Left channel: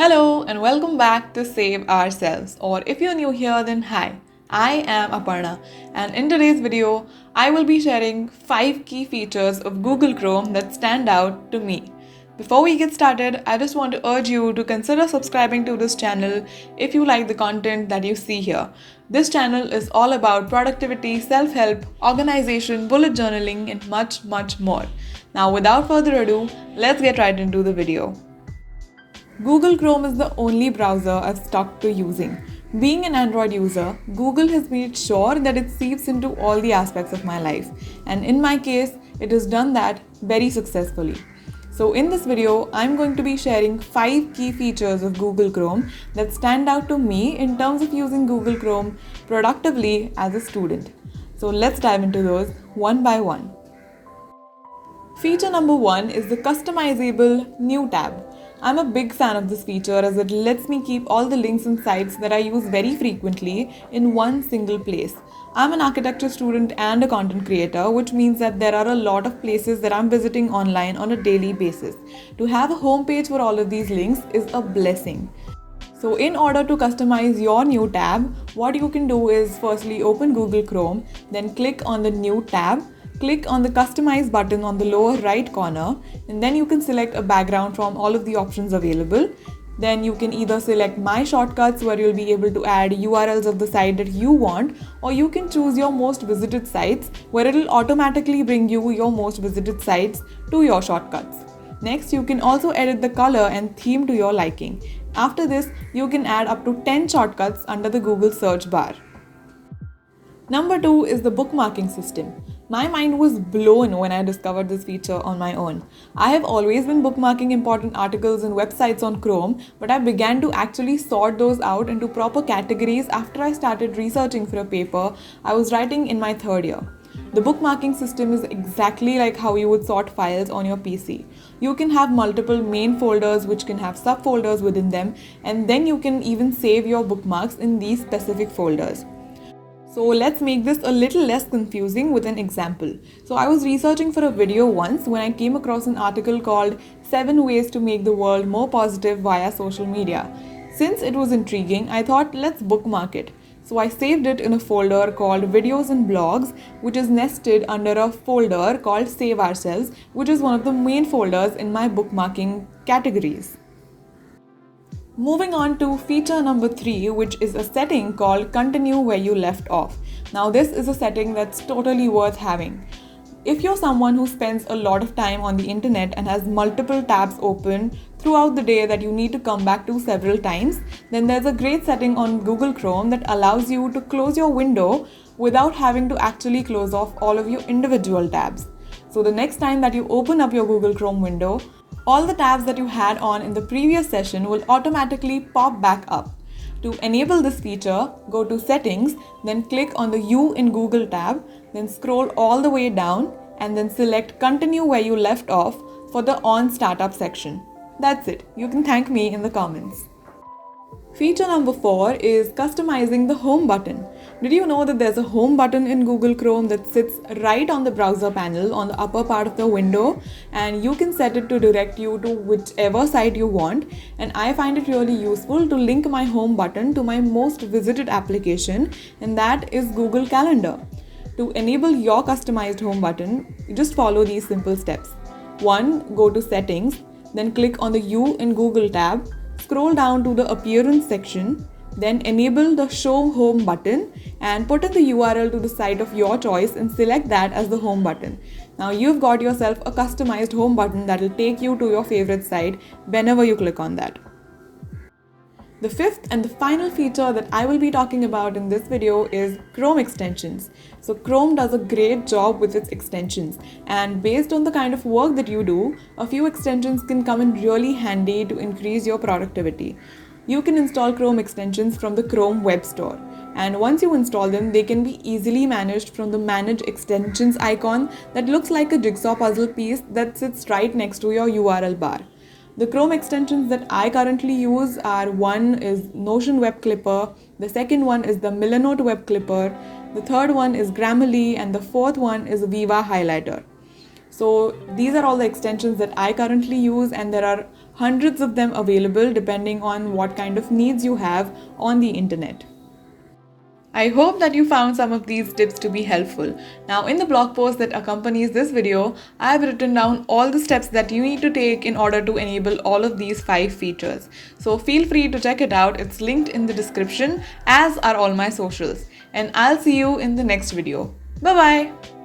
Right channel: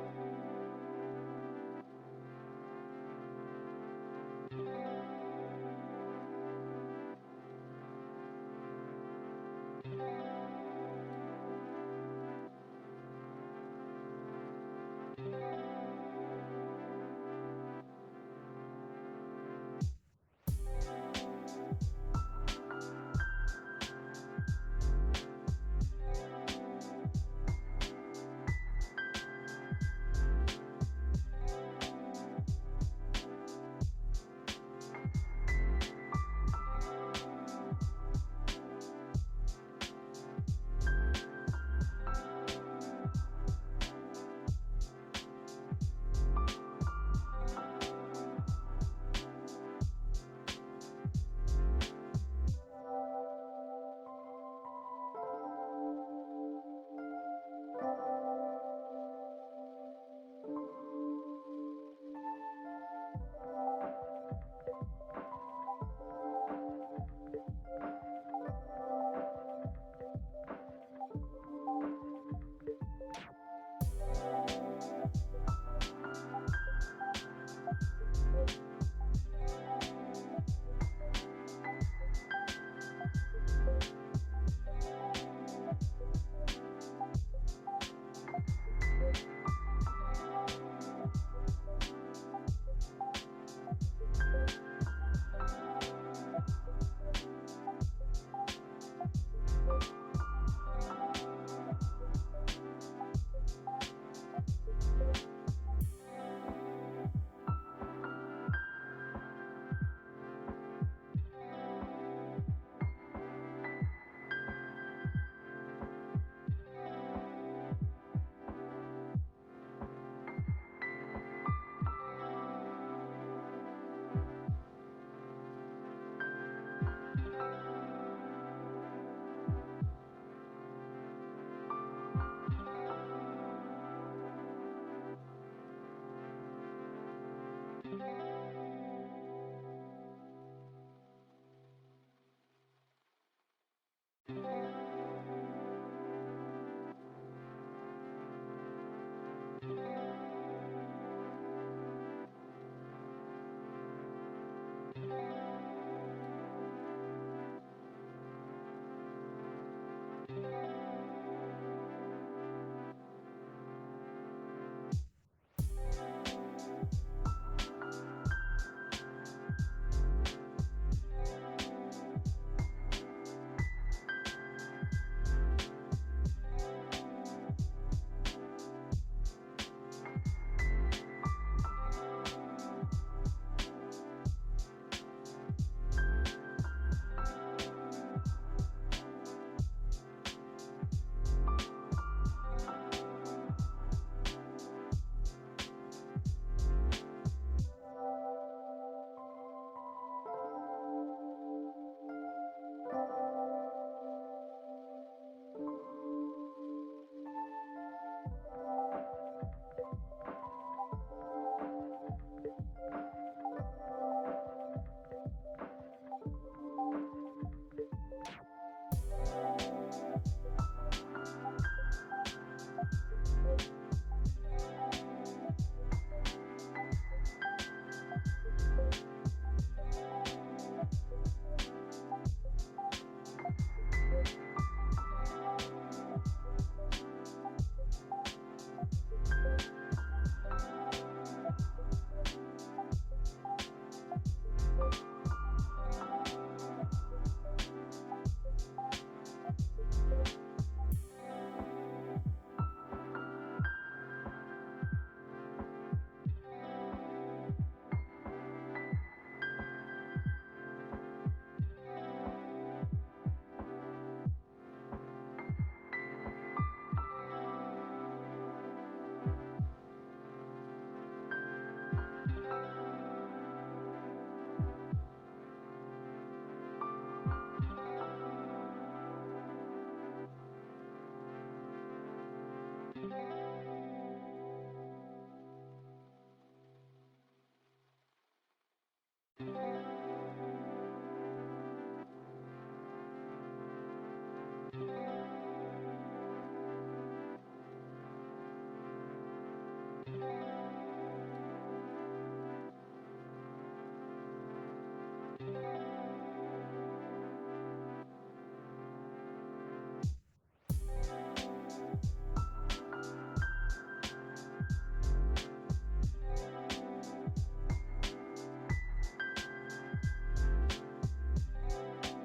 Hello and welcome back to Save Ourselves, or if you're new here, then hi. I am Aparna, and in today's video, I will be sharing 5 key features of Google Chrome that stand out to me. Before we get started, I just want to urge you to consider subscribing to this channel if you like the content that you see here. This channel is all about productivity, self help, organization, bullet journaling, and much, much more. Now, without further ado, let's get right into the video. Google Chrome is the only browser I've stuck to using. Being an Android user, Google has made sure that it seeps into all the aspects of my life, and in my case, it has done that very successfully. So, in this video, I'm going to be sharing 5 key features of Google Chrome that stand out to me in terms of using Google Chrome productively as a student. So, let's dive into those one by one. Feature number 1 is the customizable new tab. I'm a big fan of this feature as it lets me keep all the links and sites that I use very frequently in one single place. I'm an architecture student and a content creator, which means that there are a lot of places that I'm visiting online on a daily basis. To have a homepage for all of these links is a blessing. So in order to customize your new tab, what you can do is firstly open Google Chrome, then click on the new tab, click on the customize button on the lower right corner, and then you can select a background from all of the options available. Then you can either select my shortcuts where you'll be able to add URLs of the site that you want, or you can choose your most visited sites where it'll automatically bring you your most visited sites to your shortcuts. Next, you can also edit the color and theme to your liking. After this, you can add up to 10 shortcuts under the Google search bar. Number 2 is the bookmarking system. My mind was blown when I discovered this feature on my own. I have always been bookmarking important articles and websites on Chrome, but I began to actually sort those out into proper categories after I started researching for a paper I was writing in my third year. The bookmarking system is exactly like how you would sort files on your PC. You can have multiple main folders which can have subfolders within them, and then you can even save your bookmarks in these specific folders. So let's make this a little less confusing with an example. So I was researching for a video once when I came across an article called 7 Ways to Make the World More Positive via Social Media. Since it was intriguing, I thought let's bookmark it. So I saved it in a folder called Videos and Blogs, which is nested under a folder called Save Ourselves, which is one of the main folders in my bookmarking categories. Moving on to feature number 3, which is a setting called Continue Where You Left Off. Now, this is a setting that's totally worth having. If you're someone who spends a lot of time on the internet and has multiple tabs open throughout the day that you need to come back to several times, then there's a great setting on Google Chrome that allows you to close your window without having to actually close off all of your individual tabs. So the next time that you open up your Google Chrome window, all the tabs that you had on in the previous session will automatically pop back up. To enable this feature, go to Settings, then click on the You in Google tab, then scroll all the way down and then select Continue Where You Left Off for the On Startup section. That's it. You can thank me in the comments. Feature number 4 is customizing the home button. Did you know that there's a home button in Google Chrome that sits right on the browser panel on the upper part of the window, and you can set it to direct you to whichever site you want, and I find it really useful to link my home button to my most visited application, and that is Google Calendar. To enable your customized home button, you just follow these simple steps. 1. Go to Settings, then click on the You in Google tab, scroll down to the Appearance section, then enable the Show Home button and put in the URL to the site of your choice and select that as the home button. Now you've got yourself a customized home button that will take you to your favorite site whenever you click on that. The fifth and the final feature that I will be talking about in this video is Chrome extensions. So Chrome does a great job with its extensions, and based on the kind of work that you do, a few extensions can come in really handy to increase your productivity. You can install Chrome extensions from the Chrome Web Store, and once you install them, they can be easily managed from the Manage Extensions icon that looks like a jigsaw puzzle piece that sits right next to your URL bar. The Chrome extensions that I currently use are: one is Notion Web Clipper, the second one is the Milanote Web Clipper, the third one is Grammarly, and the fourth one is Viva Highlighter. So these are all the extensions that I currently use, and there are hundreds of them available depending on what kind of needs you have on the internet. I hope that you found some of these tips to be helpful. Now, in the blog post that accompanies this video, I have written down all the steps that you need to take in order to enable all of these 5 features. So feel free to check it out. It's linked in the description, as are all my socials. And I'll see you in the next video. Bye bye.